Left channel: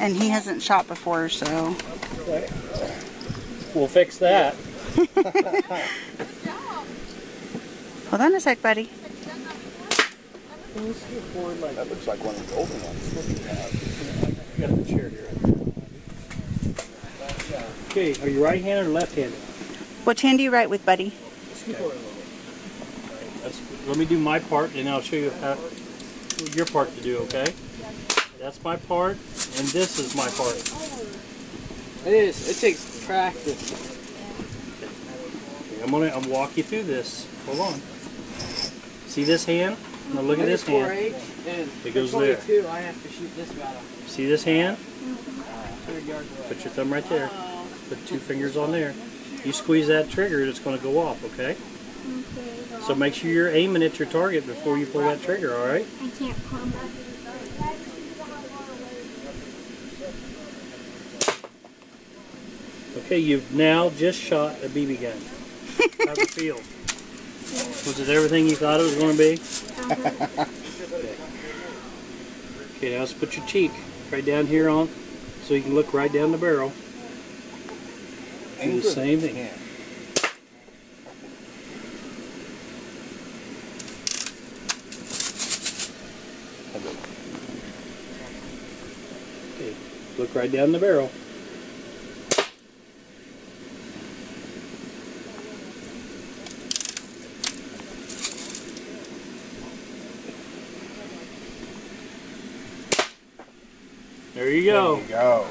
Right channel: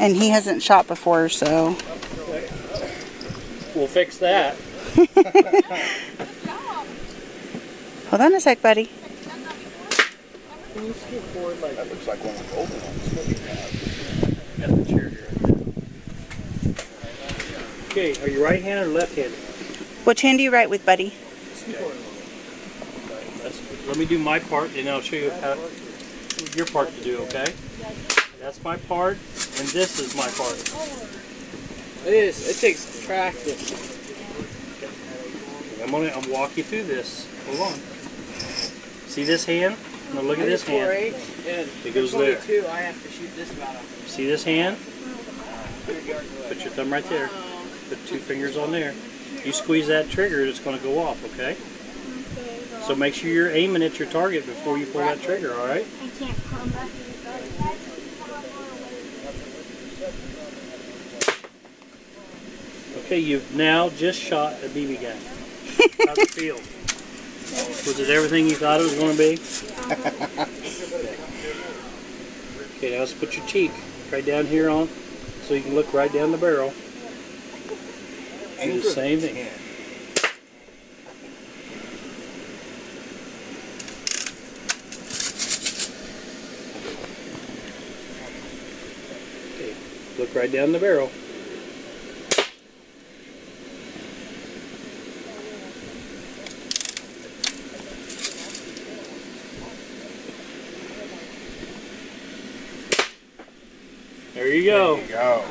And he hasn't shot before, so... We'll fix that. Hold on a sec, buddy. That looks like one of the older ones. Got the chair here. Okay, are you right-handed or left-handed? Which hand do you write with, buddy? Let me do my part, and I'll show you how your part to do, okay? That's my part, and this is my part. It takes practice. I'm gonna walk you through this. Hold on. See this hand? Now look at this hand. It goes there. I have to shoot this battle. See this hand? Put your thumb right there. Put 2 fingers on there. You squeeze that trigger, it's going to go off, okay? So make sure you're aiming at your target before you pull that trigger, all right? I can't combat. Okay, you've now just shot a BB gun. How's it feel? Was it everything you thought it was going to be? Okay, now let's put your cheek right down here on, so you can look right down the barrel. Do the same thing. Okay, look right down the barrel. There you go. There you go.